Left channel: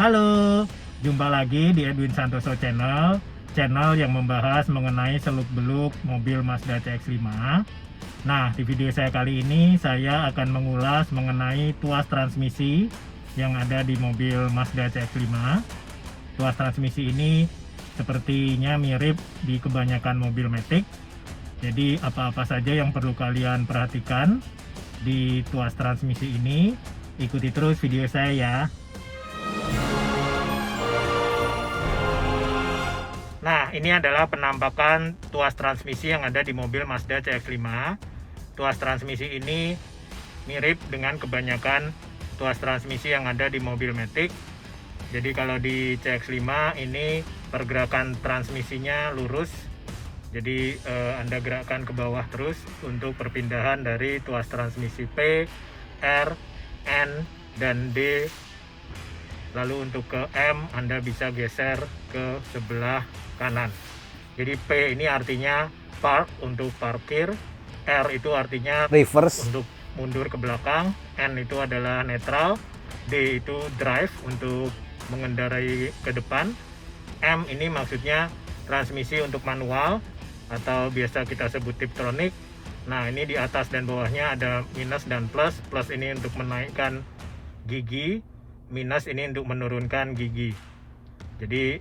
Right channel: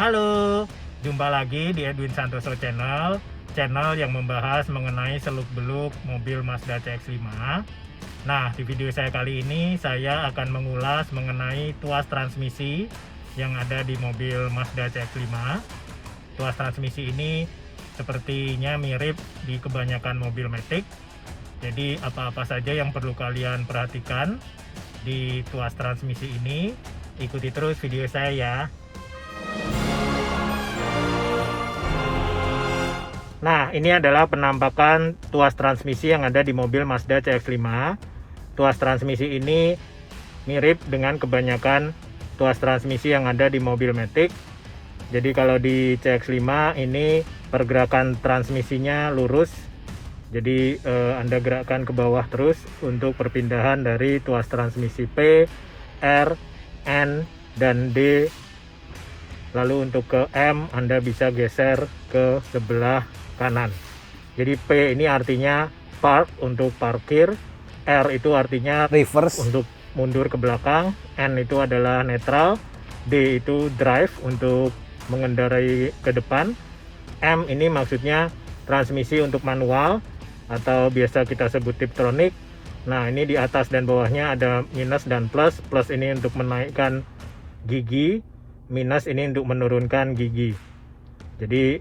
Halo, jumpa lagi di Edwin Santoso channel yang membahas mengenai seluk-beluk mobil Mazda CX-5. Nah, di video saya kali ini saya akan mengulas mengenai tuas transmisi yang ada di mobil Mazda CX-5. Tuas transmisi ini sepertinya mirip di kebanyakan mobil Matic. Jadi apa-apa saja yang perlu kalian perhatikan di tuas transmisi ini, ikuti terus video saya ya. Nah, ini adalah penampakan tuas transmisi yang ada di mobil Mazda CX-5. Tuas transmisi ini mirip dengan kebanyakan tuas transmisi yang ada di mobil Matic. Jadi kalau di CX-5 ini pergerakan transmisinya lurus. Jadi Anda gerakkan ke bawah terus untuk perpindahan dari tuas transmisi P, R, N, dan D. Lalu untuk ke M Anda bisa geser ke sebelah kanan. Jadi P ini artinya park untuk parkir, R itu artinya reverse untuk mundur ke belakang, N itu adalah netral, D itu drive untuk mengendarai ke depan, M ini maksudnya transmisi untuk manual atau biasa kita sebut tiptronic. Nah, ini di atas dan bawahnya ada minus dan plus. Plus ini untuk menaikkan gigi, minus ini untuk menurunkan gigi. Jadi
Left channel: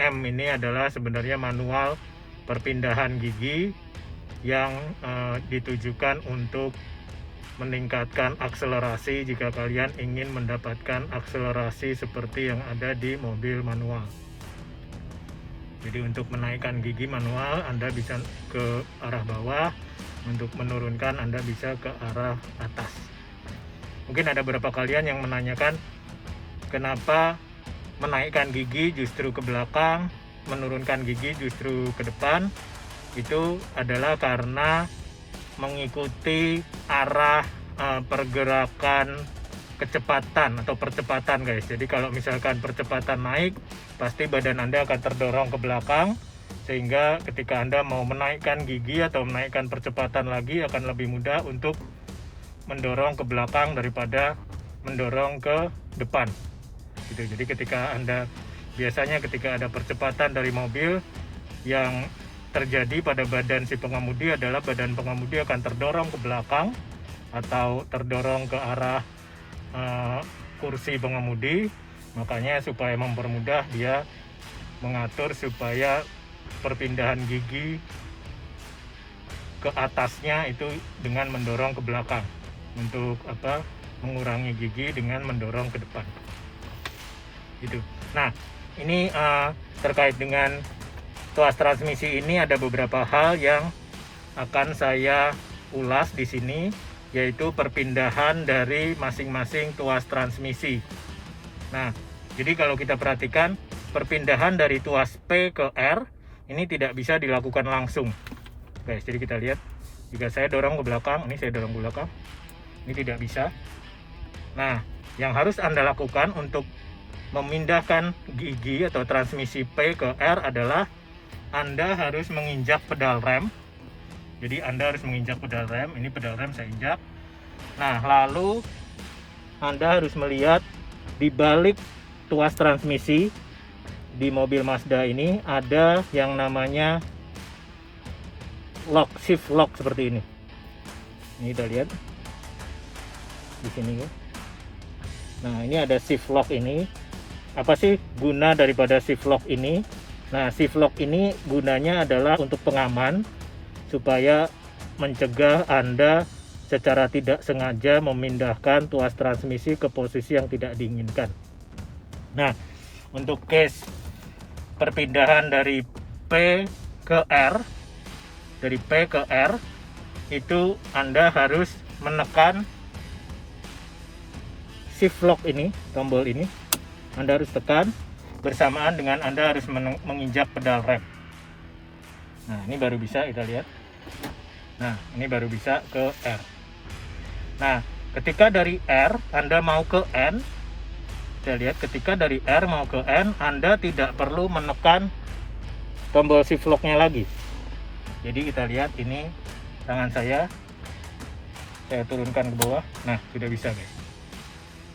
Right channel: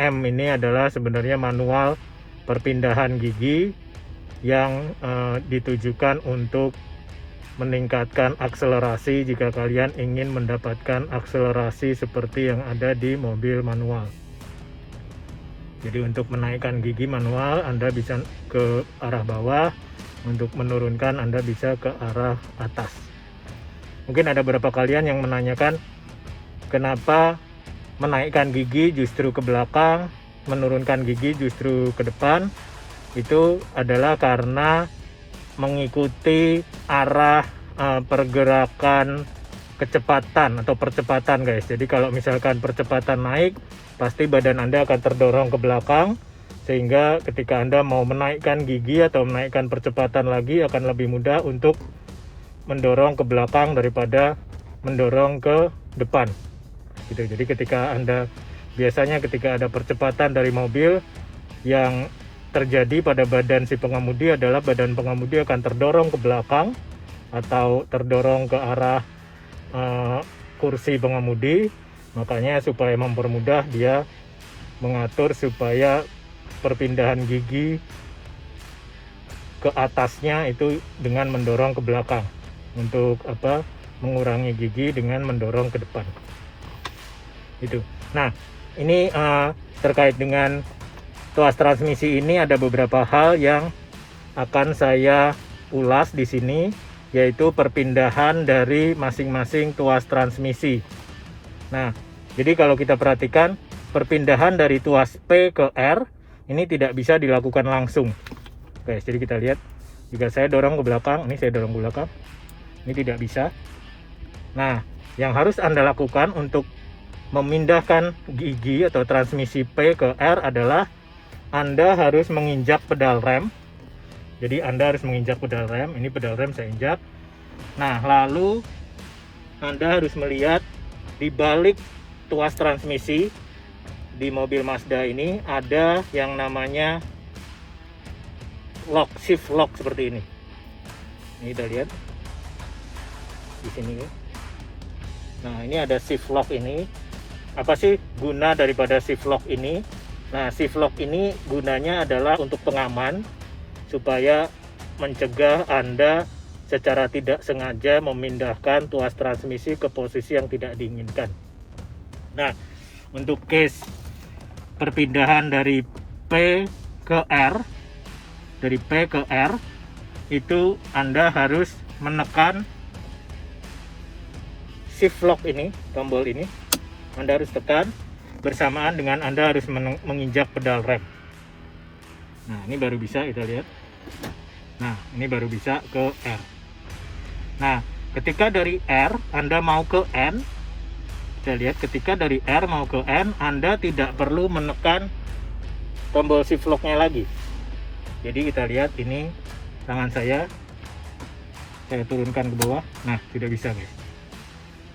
M ini adalah sebenarnya manual perpindahan gigi yang ditujukan untuk meningkatkan akselerasi jika kalian ingin mendapatkan akselerasi seperti yang ada di mobil manual. Jadi untuk menaikkan gigi manual Anda bisa ke arah bawah, untuk menurunkan Anda bisa ke arah atas. Mungkin ada beberapa kalian yang menanyakan kenapa menaikkan gigi justru ke belakang, menurunkan gigi justru ke depan. Itu adalah karena mengikuti arah pergerakan kecepatan atau percepatan, guys. Jadi kalau misalkan percepatan naik, pasti badan Anda akan terdorong ke belakang, sehingga ketika Anda mau menaikkan gigi atau menaikkan percepatan lagi akan lebih mudah untuk mendorong ke belakang daripada mendorong ke depan. Gitu. Jadi ketika biasanya ketika ada percepatan dari mobil, yang terjadi pada badan si pengemudi adalah badan pengemudi akan terdorong ke belakang atau terdorong ke arah kursi pengemudi. Makanya supaya mempermudah dia mengatur supaya perpindahan gigi ke atasnya itu dengan mendorong ke belakang, untuk mengurangi gigi dengan mendorong ke depan. Itu. Nah, ini terkait dengan tuas transmisi ini ada beberapa hal yang akan saya ulas di sini, yaitu perpindahan dari masing-masing tuas transmisi. Nah, jadi kalau kita perhatikan perpindahan dari tuas P ke R ini tidak bisa dilakukan langsung. Guys, jadi kita lihat jika saya dorong ke belakang, ini saya dorong ke belakang, ini tidak bisa. Nah, yang harus Anda lakukan untuk memindahkan gigi atau transmisi P ke R adalah Anda harus menginjak pedal rem. Jadi Anda harus menginjak pedal rem. Ini pedal rem saya injak. Nah, lalu Anda harus melihat di balik tuas transmisi di mobil Mazda ini ada yang namanya lock, shift lock seperti ini. Ini kita lihat di sini. Nah, ini ada shift lock ini. Apa sih guna daripada shift lock ini? Nah, shift lock ini gunanya adalah untuk pengaman, supaya mencegah Anda secara tidak sengaja memindahkan tuas transmisi ke posisi yang tidak diinginkan. Nah, untuk case perpindahan dari P ke R, dari P ke R, itu Anda harus menekan shift lock ini, tombol ini. Anda harus tekan bersamaan dengan Anda harus menginjak pedal rem. Nah, ini baru bisa kita lihat. Nah, ini baru bisa ke R. Nah, ketika dari R Anda mau ke N, saya lihat ketika dari R mau ke N, Anda tidak perlu menekan tombol shift lock-nya lagi. Jadi kita lihat ini tangan saya turunkan ke bawah. Nah, sudah bisa, guys.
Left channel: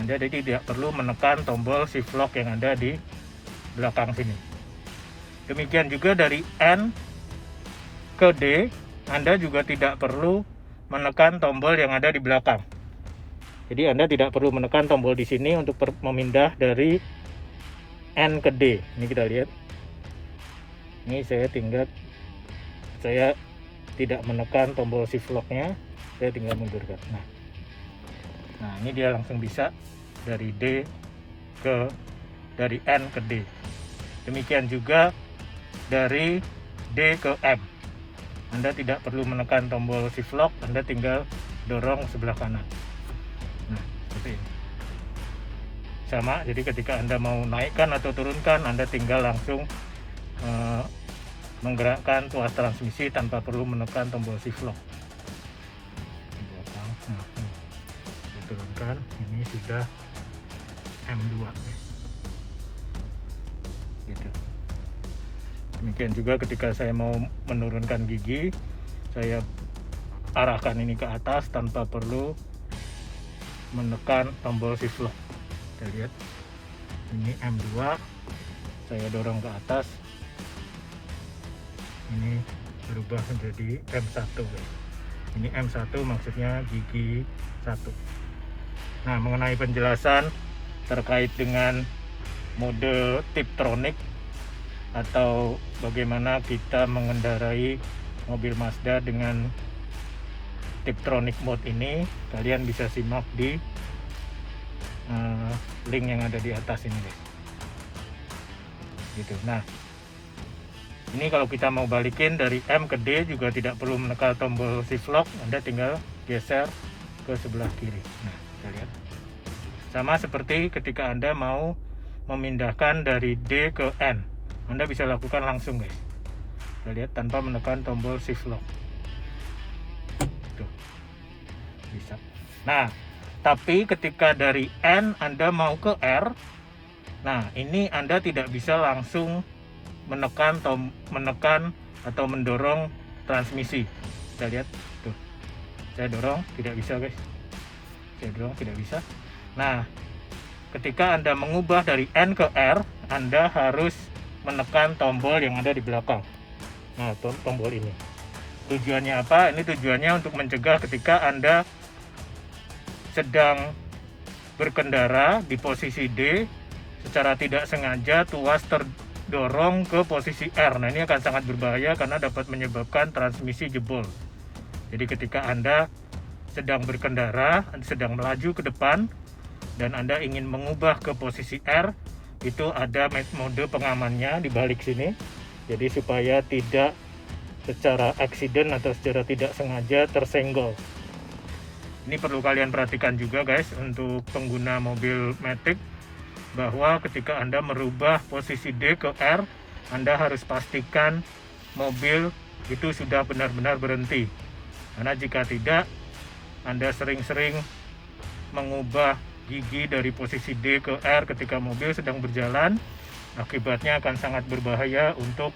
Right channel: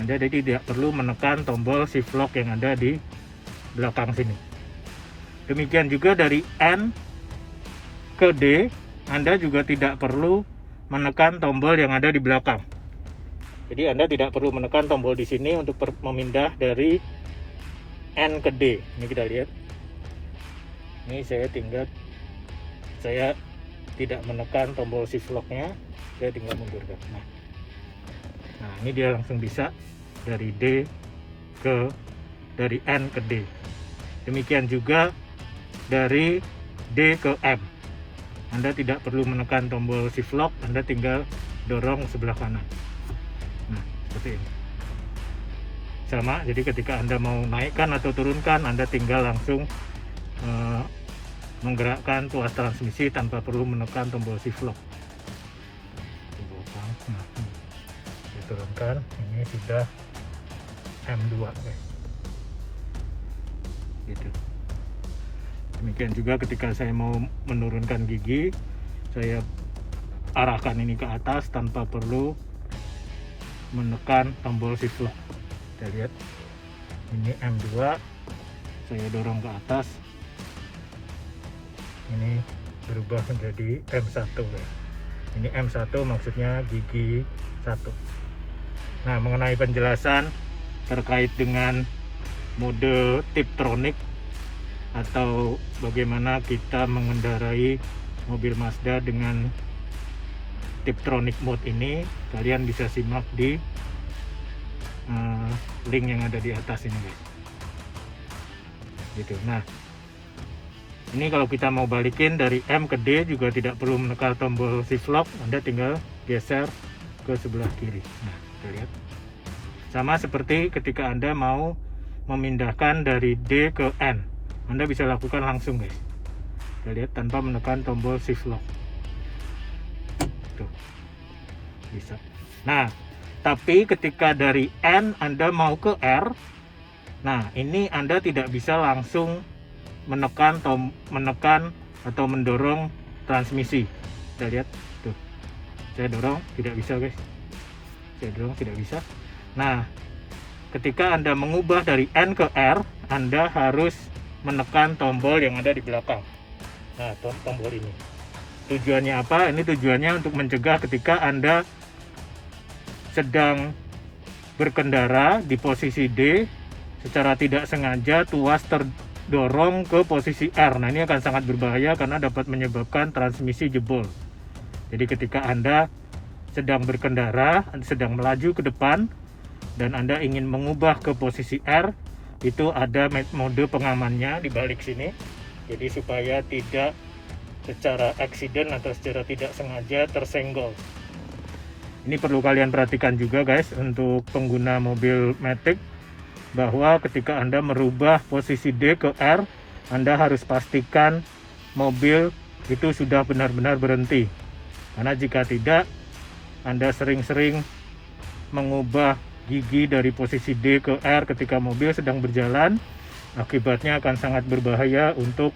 Anda jadi tidak perlu menekan tombol shift lock yang ada di belakang sini. Demikian juga dari N ke D, Anda juga tidak perlu menekan tombol yang ada di belakang. Jadi Anda tidak perlu menekan tombol di sini untuk memindah dari N ke D. Ini kita lihat. Ini saya tidak menekan tombol shift lock-nya, saya tinggal mundurkan. Nah, ini dia langsung bisa dari N ke D. Demikian juga dari D ke M. Anda tidak perlu menekan tombol shift lock, Anda tinggal dorong sebelah kanan. Nah, seperti ini. Sama, jadi ketika Anda mau naikkan atau turunkan, Anda tinggal langsung menggerakkan tuas transmisi tanpa perlu menekan tombol shift lock. Diturunkan, ini sudah M2 guys. Gitu. Demikian juga ketika saya mau menurunkan gigi, saya arahkan ini ke atas tanpa perlu menekan tombol shift lock. Kita lihat, ini M2, saya dorong ke atas, ini berubah menjadi M1 guys. Ini M1 maksudnya gigi 1. Nah, mengenai penjelasan terkait dengan mode Tiptronic atau bagaimana kita mengendarai mobil Mazda dengan Tiptronic mode ini, kalian bisa simak di link yang ada di atas ini guys. Gitu. Nah, ini kalau kita mau balikin dari M ke D juga tidak perlu menekan tombol shift lock, Anda tinggal geser ke sebelah kiri. Nah, kita lihat. Sama seperti ketika Anda mau memindahkan dari D ke N, Anda bisa lakukan langsung guys. Kita lihat tanpa menekan tombol shift lock. Tuh. Bisa. Nah, tapi ketika dari N Anda mau ke R, nah ini Anda tidak bisa langsung menekan atau mendorong transmisi. Kita lihat tuh, saya dorong tidak bisa guys, saya dorong tidak bisa. Nah, ketika Anda mengubah dari N ke R, Anda harus menekan tombol yang ada di belakang. Nah, tombol ini tujuannya apa? Ini tujuannya untuk mencegah ketika Anda sedang berkendara di posisi D, secara tidak sengaja tuas terdorong ke posisi R. Nah, ini akan sangat berbahaya karena dapat menyebabkan transmisi jebol. Jadi ketika Anda sedang berkendara, sedang melaju ke depan, dan Anda ingin mengubah ke posisi R, itu ada mode pengamannya di balik sini. Jadi supaya tidak secara accident atau secara tidak sengaja tersenggol. Ini perlu kalian perhatikan juga guys untuk pengguna mobil Matic, bahwa ketika Anda merubah posisi D ke R, Anda harus pastikan mobil itu sudah benar-benar berhenti. Karena jika tidak, Anda sering-sering mengubah gigi dari posisi D ke R ketika mobil sedang berjalan, akibatnya akan sangat berbahaya untuk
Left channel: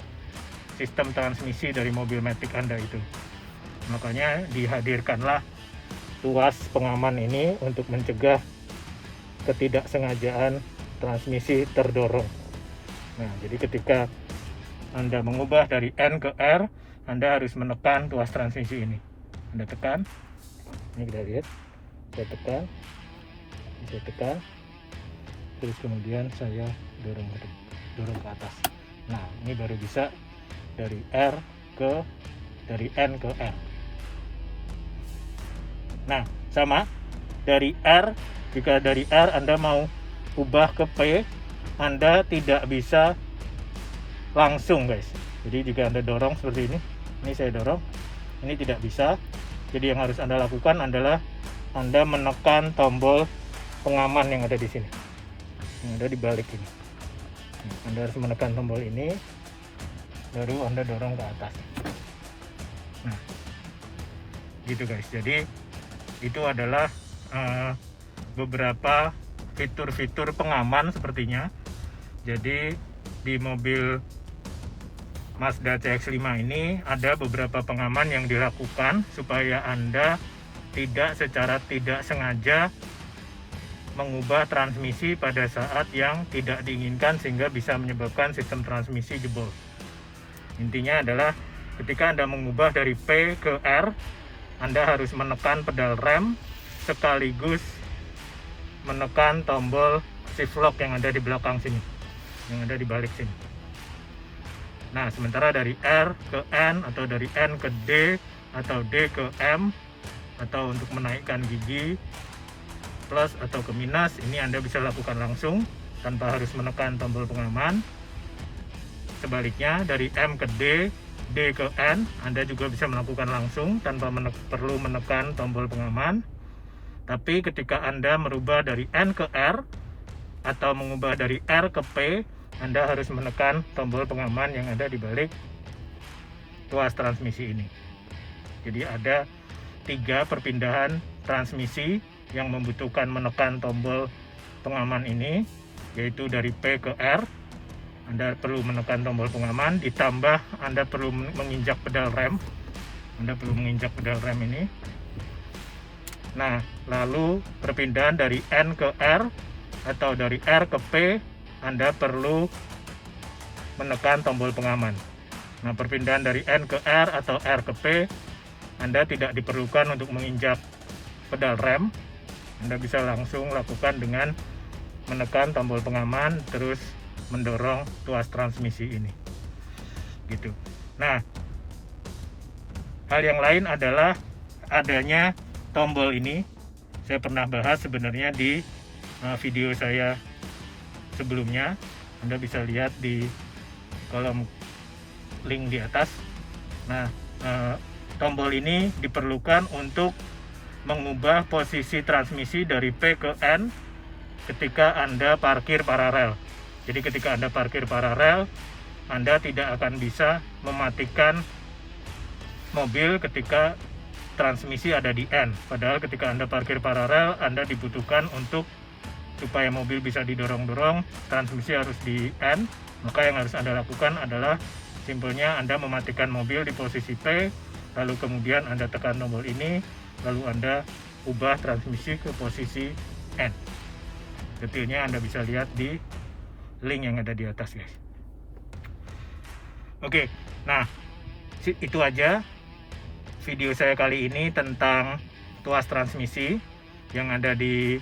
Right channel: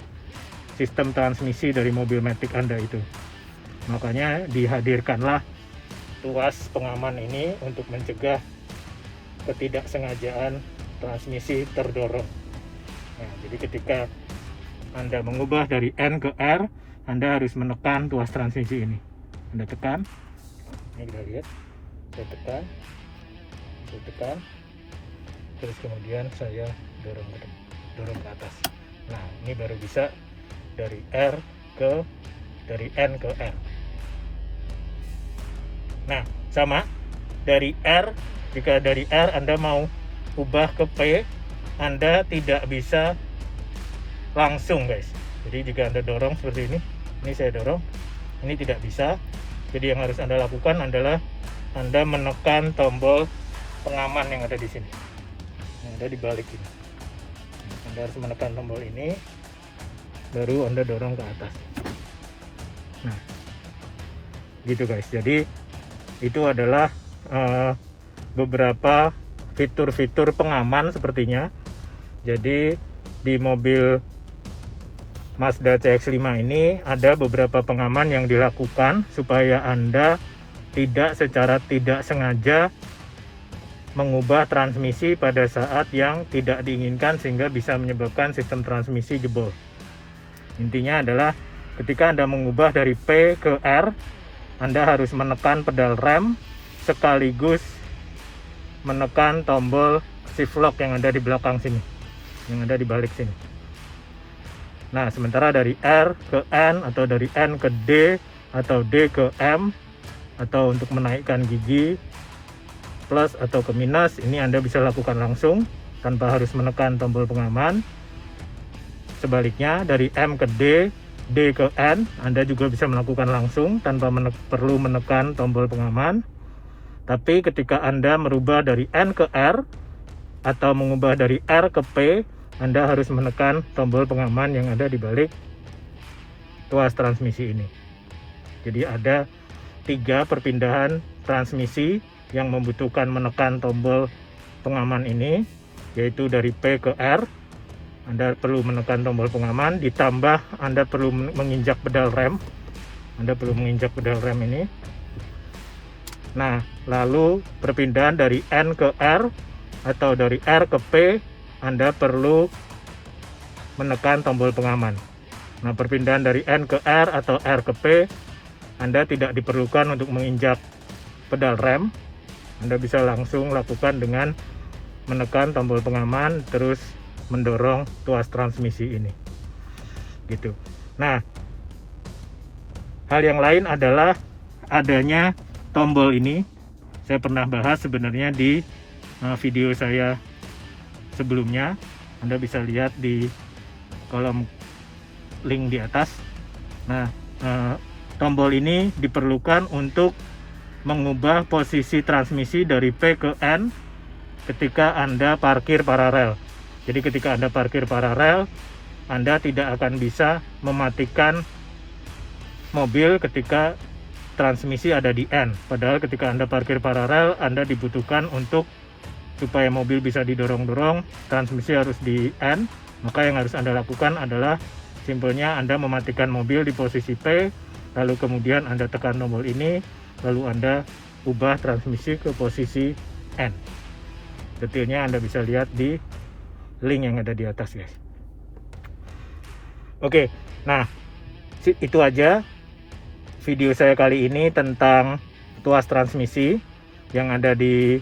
sistem transmisi dari mobil Matic Anda itu. Makanya dihadirkanlah tuas pengaman ini untuk mencegah ketidaksengajaan transmisi terdorong. Nah, jadi ketika Anda mengubah dari N ke R, Anda harus menekan tuas transmisi ini. Anda tekan, ini kita lihat, saya tekan, terus kemudian saya dorong ke atas. Nah, ini baru bisa dari N ke R. Nah, sama dari R, jika dari R Anda mau ubah ke P, Anda tidak bisa langsung guys. Jadi jika Anda dorong seperti ini saya dorong, ini tidak bisa. Jadi yang harus Anda lakukan adalah Anda menekan tombol pengaman yang ada di sini. Anda dibalik ini. Anda harus menekan tombol ini, baru Anda dorong ke atas. Nah, gitu guys. Jadi itu adalah beberapa fitur-fitur pengaman sepertinya. Jadi di mobil Mazda CX-5 ini ada beberapa pengaman yang dilakukan supaya Anda tidak secara tidak sengaja mengubah transmisi pada saat yang tidak diinginkan sehingga bisa menyebabkan sistem transmisi jebol. Intinya adalah ketika Anda mengubah dari P ke R, Anda harus menekan pedal rem sekaligus menekan tombol shift lock yang ada di belakang sini, yang ada di balik sini. Nah, sementara dari R ke N atau dari N ke D atau D ke M, atau untuk menaikkan gigi plus atau ke minus, ini Anda bisa lakukan langsung tanpa harus menekan tombol pengaman. Sebaliknya dari M ke D, D ke N, Anda juga bisa melakukan langsung tanpa perlu menekan tombol pengaman. Tapi ketika Anda merubah dari N ke R atau mengubah dari R ke P, Anda harus menekan tombol pengaman yang ada di balik tuas transmisi ini. Jadi ada 3 perpindahan transmisi yang membutuhkan menekan tombol pengaman ini, yaitu dari P ke R, Anda perlu menekan tombol pengaman, ditambah Anda perlu menginjak pedal rem. Anda perlu menginjak pedal rem ini. Nah, lalu perpindahan dari N ke R atau dari R ke P, Anda perlu menekan tombol pengaman. Nah, perpindahan dari N ke R atau R ke P, Anda tidak diperlukan untuk menginjak pedal rem. Anda bisa langsung lakukan dengan menekan tombol pengaman terus mendorong tuas transmisi ini. Gitu. Nah, hal yang lain adalah adanya tombol ini. Saya pernah bahas sebenarnya di video saya sebelumnya. Anda bisa lihat di kolom link di atas. Nah, tombol ini diperlukan untuk mengubah posisi transmisi dari P ke N ketika Anda parkir paralel. Jadi ketika Anda parkir paralel, Anda tidak akan bisa mematikan mobil ketika transmisi ada di N. Padahal ketika Anda parkir paralel, Anda dibutuhkan untuk supaya mobil bisa didorong-dorong, transmisi harus di N. Maka yang harus Anda lakukan adalah simpelnya Anda mematikan mobil di posisi P, lalu kemudian Anda tekan tombol ini, lalu Anda ubah transmisi ke posisi N. Detailnya Anda bisa lihat di link yang ada di atas, guys. Oke, nah itu aja video saya kali ini tentang tuas transmisi yang ada di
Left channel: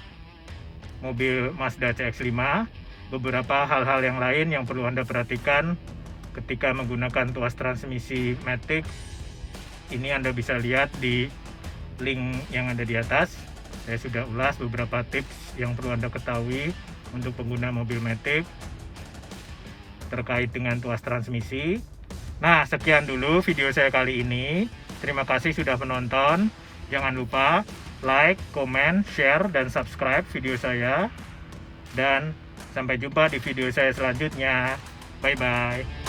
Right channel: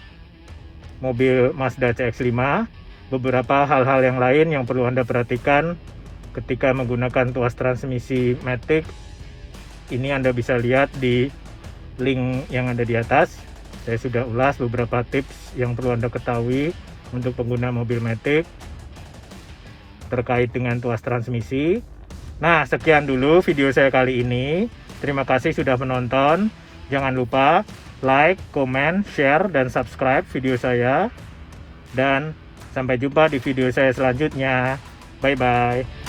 mobil Mazda CX-5. Beberapa hal-hal yang lain yang perlu Anda perhatikan ketika menggunakan tuas transmisi Matic, ini Anda bisa lihat di link yang ada di atas. Saya sudah ulas beberapa tips yang perlu Anda ketahui untuk pengguna mobil Matic terkait dengan tuas transmisi. Nah, sekian dulu video saya kali ini. Terima kasih sudah menonton. Jangan lupa like, comment, share, dan subscribe video saya. Dan sampai jumpa di video saya selanjutnya. Bye-bye.